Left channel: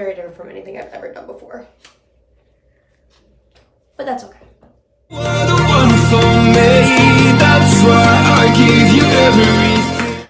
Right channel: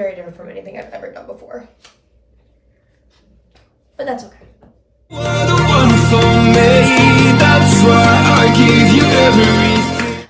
very different from anything I've ever done before. But that's okay.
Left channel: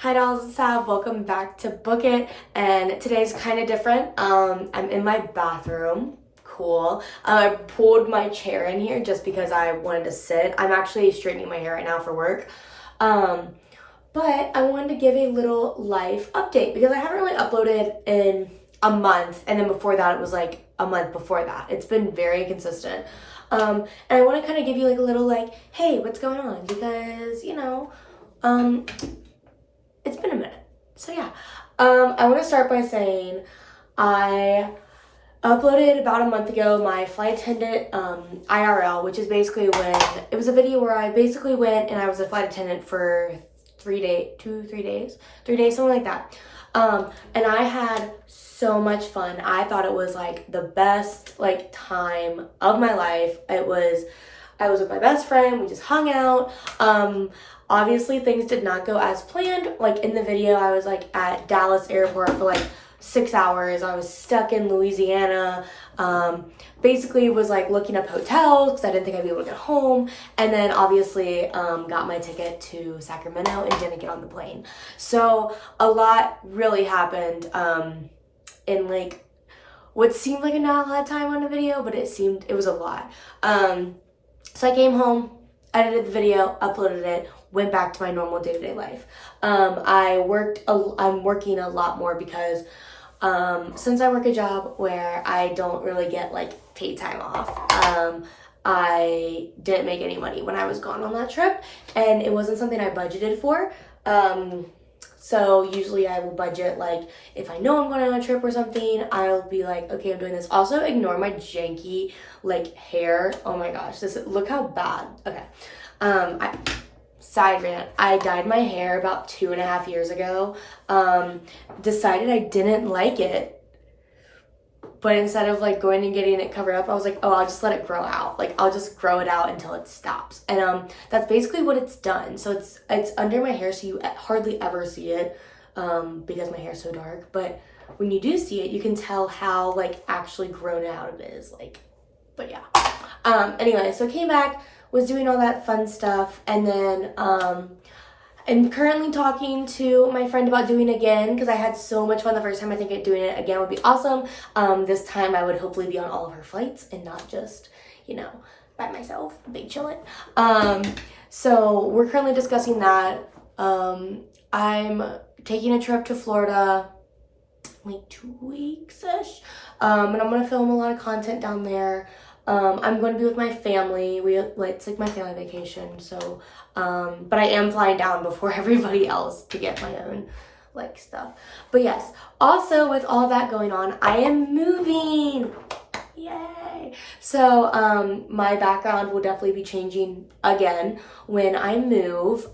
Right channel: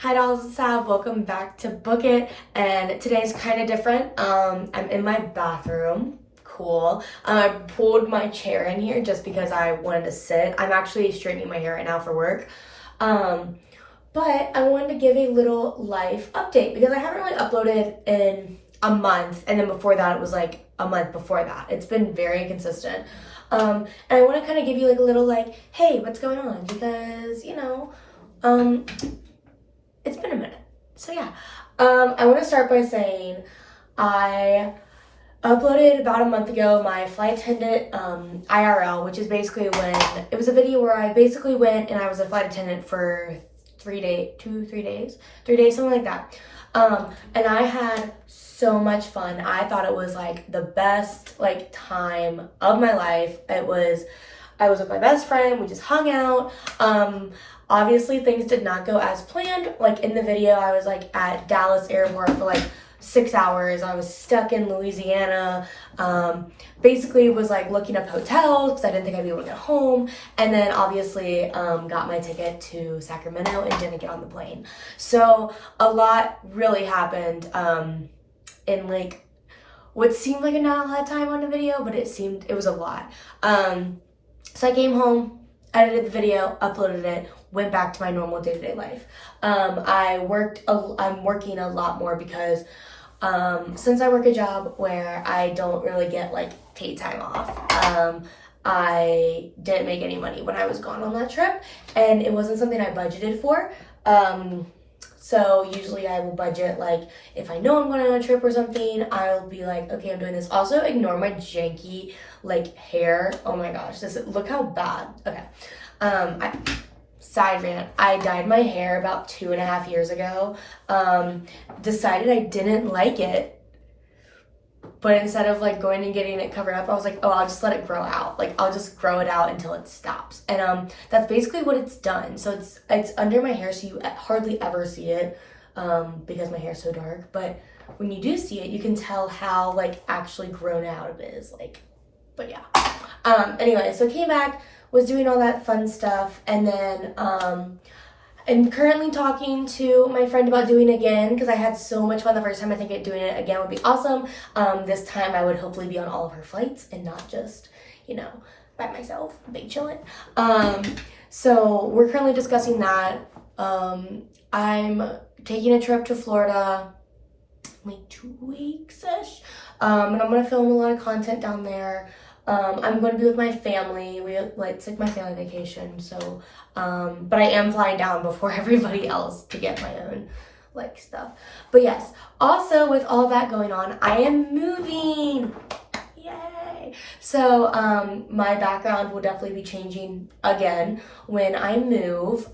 Hi dolls, it's Sav. Welcome back to Book It, and today's kind of different. I'm in my bathroom. Cool. I pulled my chair in here just because I wanted to sit. I'm actually straightening my hair right now for work. But I wanted to give a little life update because I haven't really uploaded in a month, and then before that it was like a month before that. It's been very consistent. And I want to kind of give you like a little like, hey, what's going on? Because, you know, it's been a minute. So yeah, I want to start by saying I uploaded about a month ago my flight attendant IRL, which is basically when it was a video where I basically went and I was a flight attendant for 3 days, 3 days, something like that. And I had so much fun. I thought it was like the best like time of my life. I was with my best friend. We just hung out. Obviously things did not go as planned. Like in the video, I was like at Dallas airport for like 6 hours. I was stuck in Louisiana. Basically was like looking up hotels because I didn't think I'd be able to get home. And then obviously got my ticket to Sacramento and didn't get on the plane. So a lot really happened in like what seemed like not a lot of time on the video, but it was a lot. So I came home, edited the video, uploaded it, went back to my normal day-to-day life. I'm working a lot more because since I work a job where I don't really get like paid time off, I didn't make any money when I was gone on that trip, and it wasn't something I budgeted for. So usually I will budget, like if I know I'm going on a trip or something, I'll be like, okay, I'm doing this. Also ignore my janky like hair. Oh my gosh, look how bad. Okay. Side rant, I dyed my hair about 2.5 years ago. Decided I didn't like it. But instead of like going and getting it covered up, I was like, oh, I'll just let it grow out. Like I'll just grow it out until it stops. And that's basically what it's done. So it's under my hair, so you hardly ever see it because my hair's so dark. But when you do see it, you can tell how like actually grown out it is. Like, but yeah. Anyway, so I came back, was doing all that fun stuff, and then I'm currently talking to my friend about doing it again because I had so much fun the first time. I think doing it again would be awesome. This time I would hopefully be on all of her flights and not just, you know, by myself, big chillin'. So we're currently discussing that. I'm taking a trip to Florida like 2 weeks-ish, and I'm gonna film a lot of content down there. I'm going to be with my family. It's like my family vacation, so but I am flying down before everybody else to get my own like stuff. But yes, also with all that going on, I am moving. Yay! So my background will definitely be changing again when I move.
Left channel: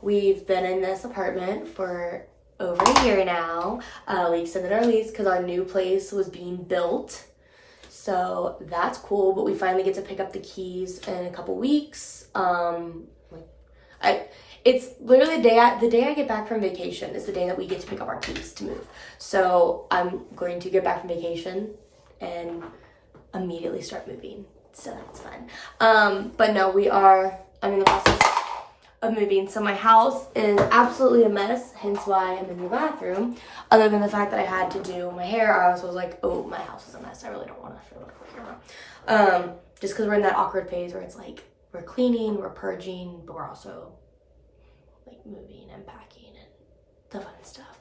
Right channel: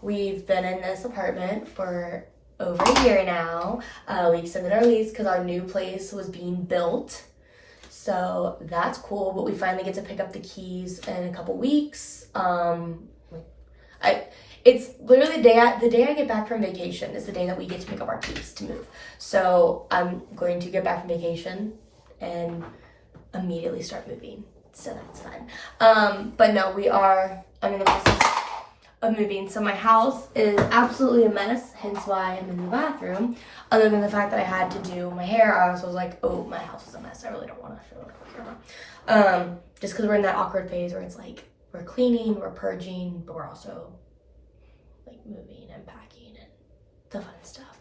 We've been in this apartment for over a year now. We extended our lease because our new place was being built. So that's cool, but we finally get to pick up the keys in a couple weeks. It's literally the day I get back from vacation is the day that we get to pick up our keys to move. So I'm going to get back from vacation and immediately start moving. So that's fun. But no, I'm in the process of moving. So my house is absolutely a mess, hence why I'm in the bathroom. Other than the fact that I had to do my hair, I also was like, oh, my house is a mess. I really don't want to show it on camera. Just because we're in that awkward phase where it's like, we're cleaning, we're purging, but we're also like moving and packing and the fun stuff.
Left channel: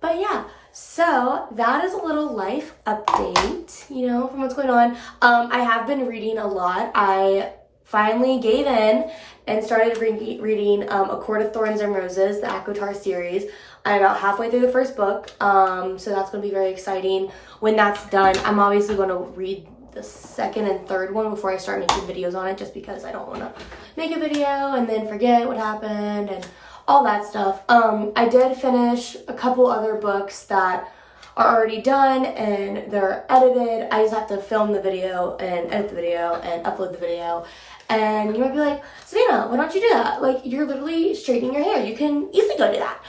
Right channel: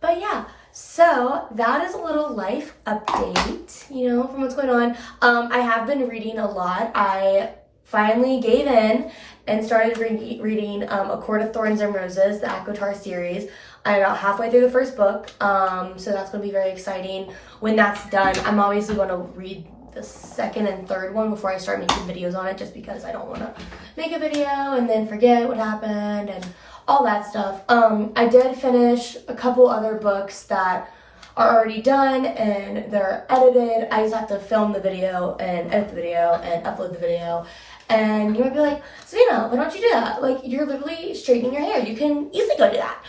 But yeah, so that is a little life update, you know, from what's going on. I have been reading a lot. I finally gave in and started reading A Court of Thorns and Roses, the ACOTAR series. I'm about halfway through the first book, so that's going to be very exciting. When that's done, I'm obviously going to read the second and third one before I start making videos on it, just because I don't want to make a video and then forget what happened and all that stuff. I did finish a couple other books that are already done and they're edited. I just have to film the video and edit the video and upload the video. And you might be like, Savannah, why don't you do that? Like, you're literally straightening your hair. You can easily go do that.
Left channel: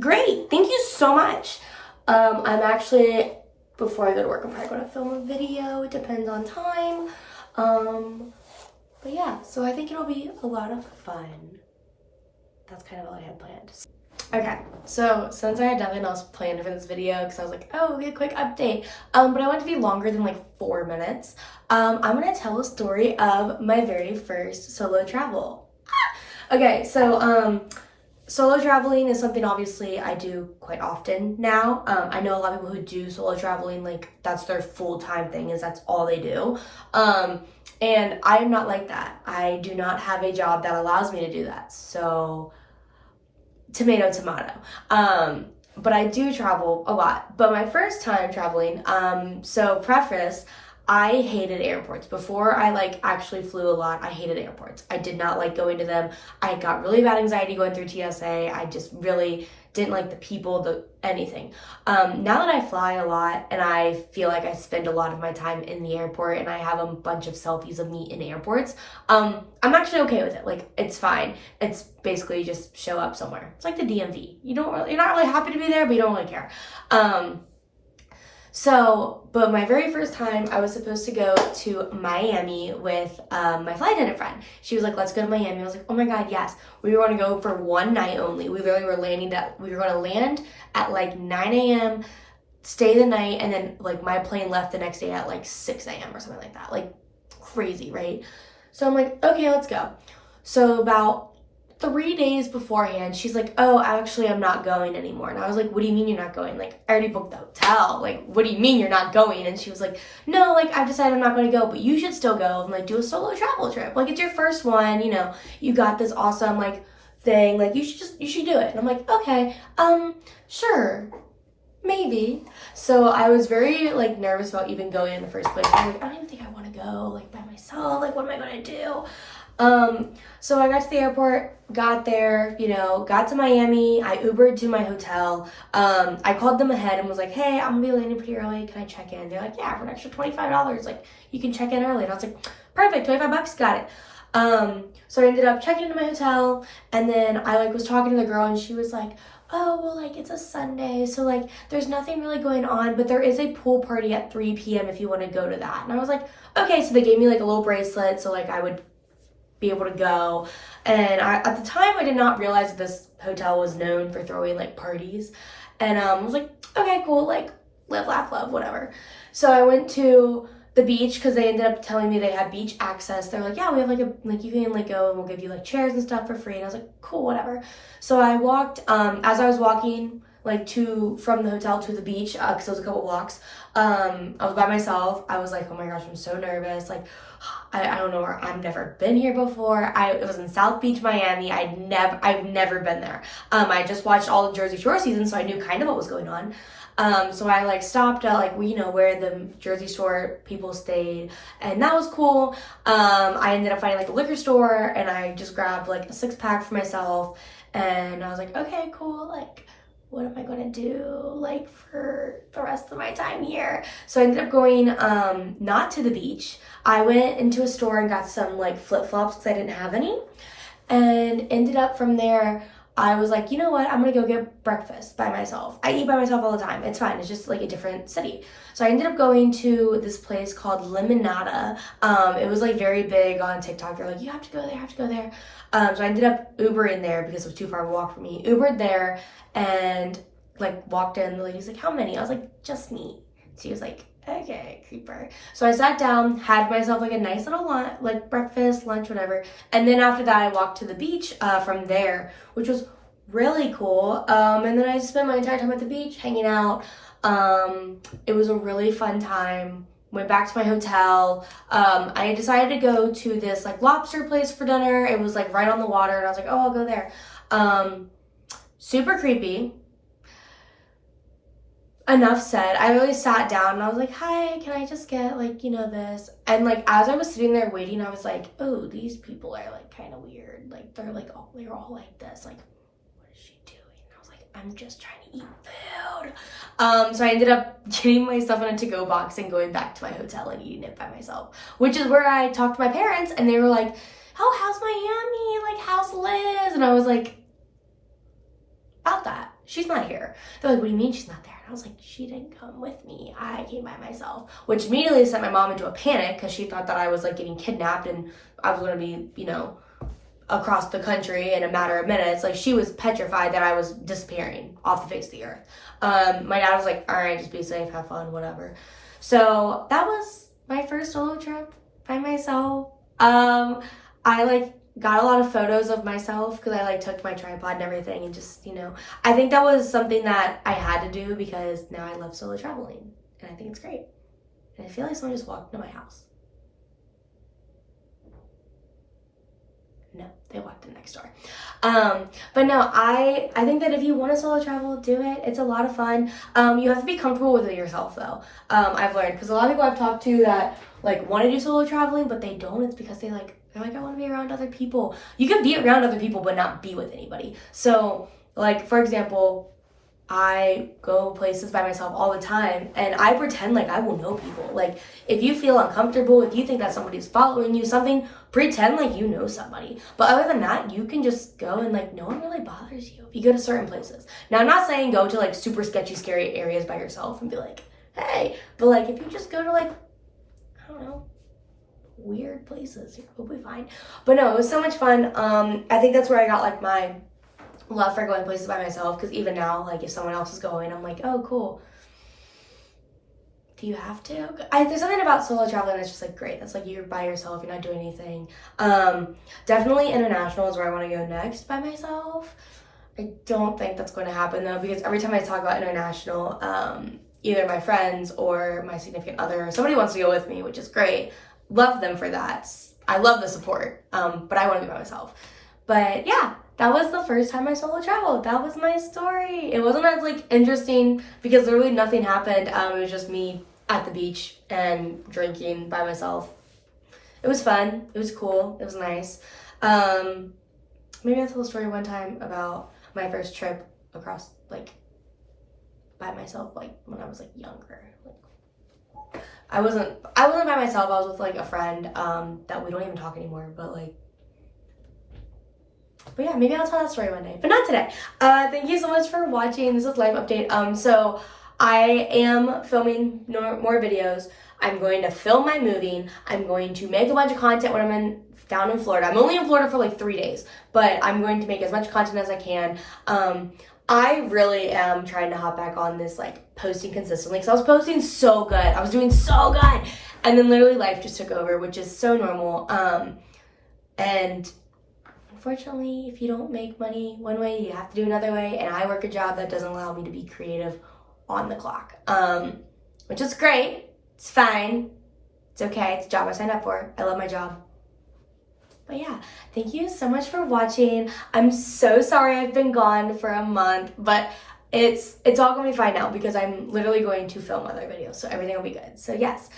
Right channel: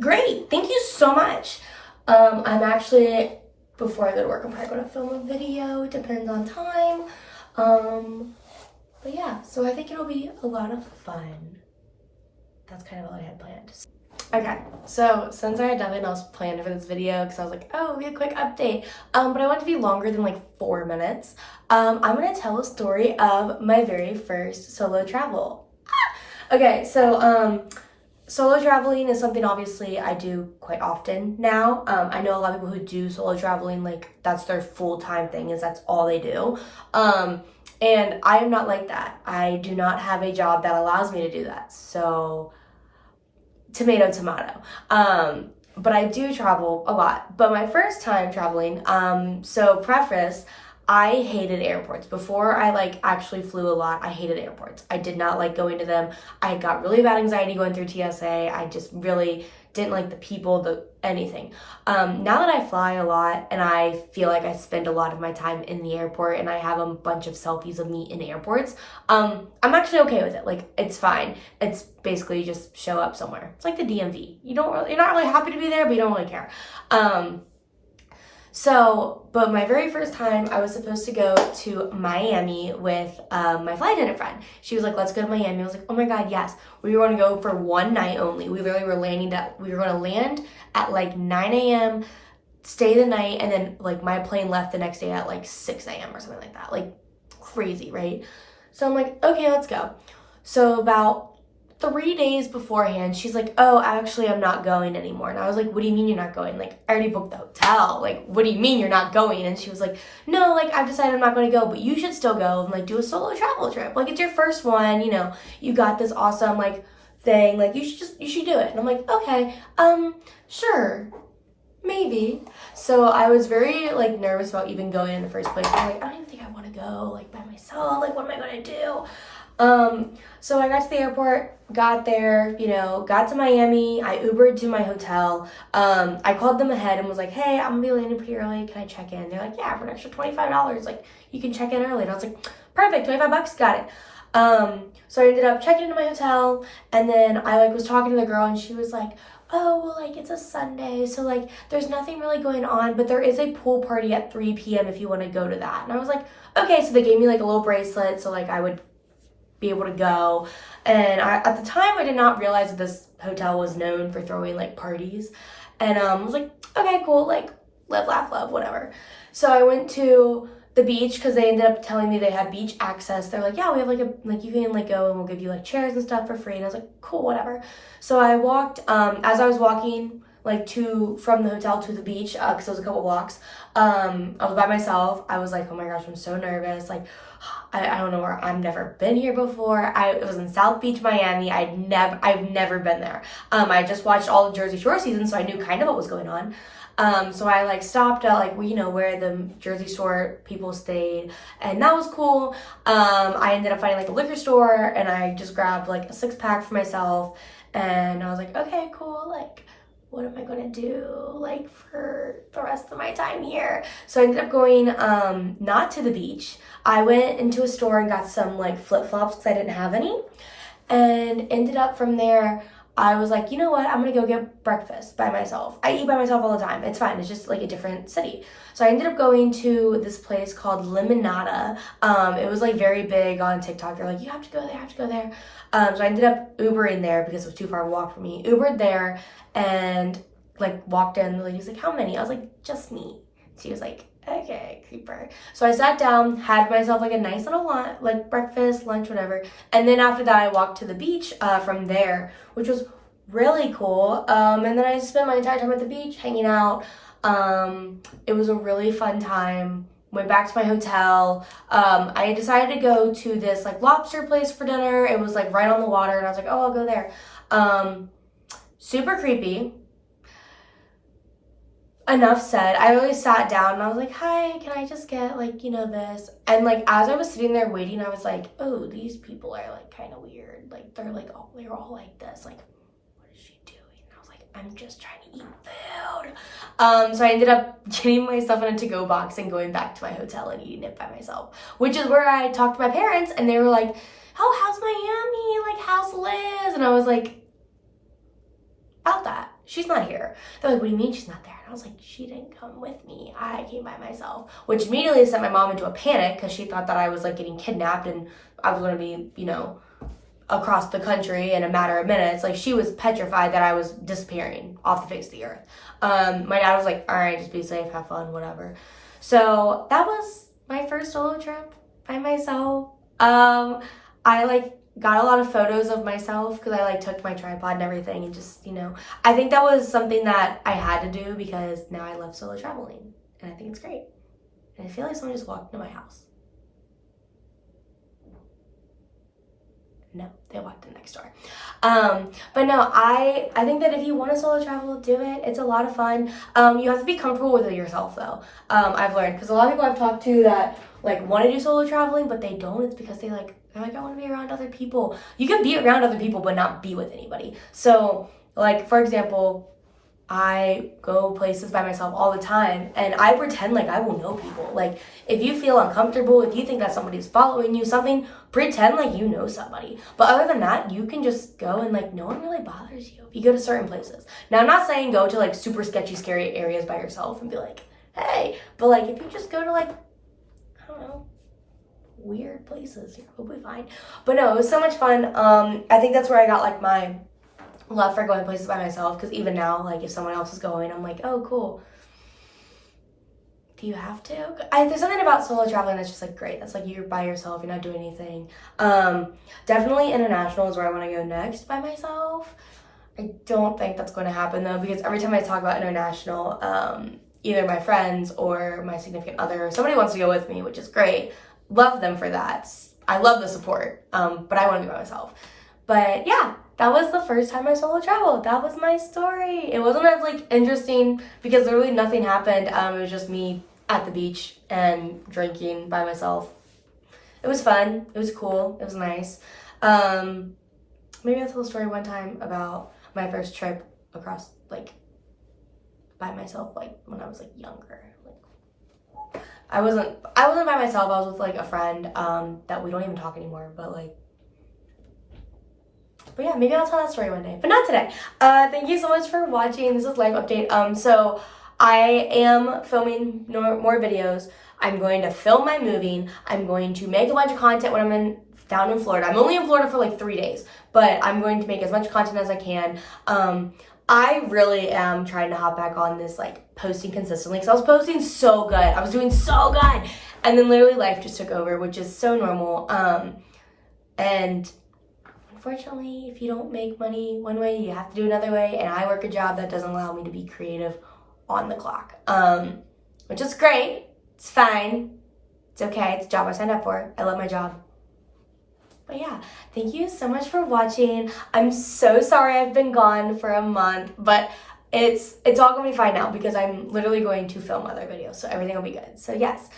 Great. Thank you so much. I'm actually before I go to work, I'm probably gonna film a video. It depends on time. But yeah, so I think it'll be a lot of fun. That's kind of all I had planned. Okay, so since I had nothing else planned for this video, because I was like, oh, it'll be a quick update, but I want it to be longer than like 4 minutes. I'm gonna tell a story of my very first solo travel. Okay, so solo traveling is something obviously I do quite often now. I know a lot of people who do solo traveling, like that's their full-time thing, is that's all they do. And I am not like that. I do not have a job that allows me to do that. So tomato, tomato. But I do travel a lot. But my first time traveling, so preface, I hated airports. Before I like actually flew a lot, I hated airports. I did not like going to them. I got really bad anxiety going through TSA. I just really didn't like the people, anything. Now that I fly a lot and I feel like I spend a lot of my time in the airport and I have a bunch of selfies of me in airports, I'm actually okay with it. Like, it's fine. It's basically you just show up somewhere. It's like the DMV. You're not really happy to be there, but you don't really care. But my very first time, I was supposed to go to Miami with my flight attendant friend. She was like, let's go to Miami. I was like, oh my God, yes. We were going to go for one night only. We literally were we were going to land at like 9 a.m., stay the night, and then like my plane left the next day at like 6 a.m. or something like that. Like crazy, right? So I'm like, okay, let's go. So about 3 days beforehand, she's like, oh, actually, I'm not going anymore. And I was like, what do you mean you're not going? Like, I already booked the hotel. Like, what do you mean you're not going? And she was like, no, like, I've decided I'm not going to go, but you should still go and, like, do a solo travel trip. Like, it's your first one, you know, you got this awesome, like, thing. Like, you should do it. And I'm like, okay, sure, maybe. So I was very, like, nervous about even going in the first place. I'm like, I don't even think I want to go, like, by myself. Like, what am I going to do? So I got to the airport, got there, you know, got to Miami. I Ubered to my hotel. I called them ahead and was like, hey, I'm gonna be landing pretty early. Can I check in? They're like, yeah, for an extra $25. Like, you can check in early. And I was like, perfect, $25, got it. So I ended up checking into my hotel, and then I like was talking to the girl, and she was like, oh, well, like, it's a Sunday, so like there's nothing really going on, but there is a pool party at 3 p.m. if you want to go to that. And I was like, okay. So they gave me like a little bracelet, so like I would be able to go. And at the time, I did not realize that this hotel was known for throwing like parties. And I was like, okay, cool, like live, laugh, love, whatever. So I went to the beach because they ended up telling me they had beach access. They're like, yeah, we have like you can like go and we'll give you like chairs and stuff for free. And I was like, cool, whatever. So I walked, as I was walking like from the hotel to the beach, because it was a couple blocks, I was by myself. I was like, oh my gosh, I'm so nervous. Like, I don't know where, I've never been here before. It was in South Beach, Miami. I've never been there. I just watched all the Jersey Shore seasons, so I knew kind of what was going on. So I like stopped at like, you know, where the Jersey Shore people stayed, and that was cool. I ended up finding like a liquor store, and I just grabbed like a 6-pack for myself, and I was like, okay, cool, like, what am I gonna do like for the rest of my time here? So I ended up going not to the beach. I went into a store and got some like flip-flops because I didn't have any, and ended up from there, I was like, you know what, I'm gonna go get breakfast by myself. I eat by myself all the time. It's fine. It's just like a different city. So I ended up going to this place called Limonada. It was like very big on TikTok. They're like, you have to go there, have to go there. So I ended up Ubering there because it was too far to walk for me. Ubered there and like walked in. The lady's like, how many? I was like, just me. She was like, okay, creeper. So I sat down, had myself like a nice little lunch, like breakfast, lunch, whatever. And then after that, I walked to the beach from there, which was really cool. And then I spent my entire time at the beach hanging out. It was a really fun time. Went back to my hotel. I decided to go to this like lobster place for dinner. It was like right on the water, and I was like, oh, I'll go there. Super creepy. Enough said. I really sat down and I was like, hi, can I just get like, you know, this? And like as I was sitting there waiting, I was like, oh, these people are like kind of weird. Like they're all like this. Like, what is she doing? And I was like, I'm just trying to eat food. So I ended up getting myself in a to-go box and going back to my hotel and eating it by myself, which is where I talked to my parents, and they were like, oh, how's Miami? Like, how's Liz? And I was like, about that. she's not here. They're like, what do you mean she's not there? And I was like, she didn't come with me. I came by myself, which immediately sent my mom into a panic because she thought that I was like getting kidnapped and I was going to be, you know, across the country in a matter of minutes. Like, she was petrified that I was disappearing off the face of the earth. My dad was like, all right, just be safe, have fun, whatever. So that was my first solo trip by myself. I like got a lot of photos of myself because I like took my tripod and everything, and just, you know, I think that was something that I had to do because now I love solo traveling and I think it's great. And I feel like someone just walked into my house. No, they walked in next door. But no, I think that if you want to solo travel, do it. It's a lot of fun. You have to be comfortable with it yourself though. I've learned, because a lot of people I've talked to that like want to do solo traveling, but they don't. It's because they're like, I want to be around other people. You can be around other people, but not be with anybody. So like, for example, I go places by myself all the time and I pretend like I will know people. Like, if you feel uncomfortable, if you think that somebody's following you, something, pretend like you know somebody. But other than that, you can just go and like no one really bothers you if you go to certain places. Now, I'm not saying go to like super sketchy, scary areas by yourself and be like, hey, but like if you just go to like, I don't know, weird places, you'll be fine. But no, it was so much fun. I think that's where I got like my love for going places by myself, because even now, like if someone else is going, I'm like, oh cool, do you have to? There's something about solo traveling that's just like great. That's like you're by yourself, you're not doing anything. Definitely international is where I want to go next by myself. I don't think that's going to happen though, because every time I talk about international, either my friends or my significant other, somebody wants to go with me, which is great. Love them for that. I love the support, but I want to be by myself. But yeah, that was the first time I solo traveled. That was my story. It wasn't as like interesting because literally nothing happened. It was just me at the beach and drinking by myself. It was fun. It was cool. It was nice. Maybe I'll tell a story one time about my first trip across, like, by myself, like when I was like younger. Like, I wasn't by myself. I was with like a friend that we don't even talk anymore. But yeah, maybe I'll tell that story one day, but not today. Thank you so much for watching. This is life update. So I am filming more videos. I'm going to film my moving. I'm going to make a bunch of content when I'm down in Florida. I'm only in Florida for like 3 days, but I'm going to make as much content as I can. I really am trying to hop back on this like posting consistently, because I was posting so good. I was doing so good. And then literally life just took over, which is so normal. And unfortunately, if you don't make money one way, you have to do another way. And I work a job that doesn't allow me to be creative on the clock, which is great. It's fine. It's okay. It's a job I signed up for. I love my job. But yeah, thank you so much for watching. I'm so sorry I've been gone for a month, but it's all gonna be fine now because I'm literally going to film other videos, so everything will be good. So yes,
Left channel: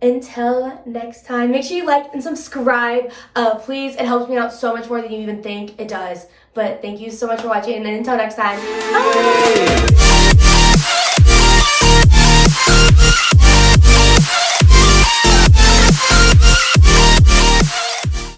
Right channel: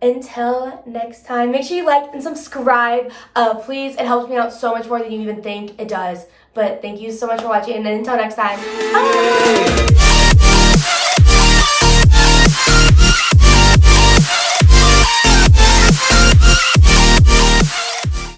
until next time, make sure you like and subscribe. Please, it helps me out so much more than you even think it does. But thank you so much for watching, and until next time, bye!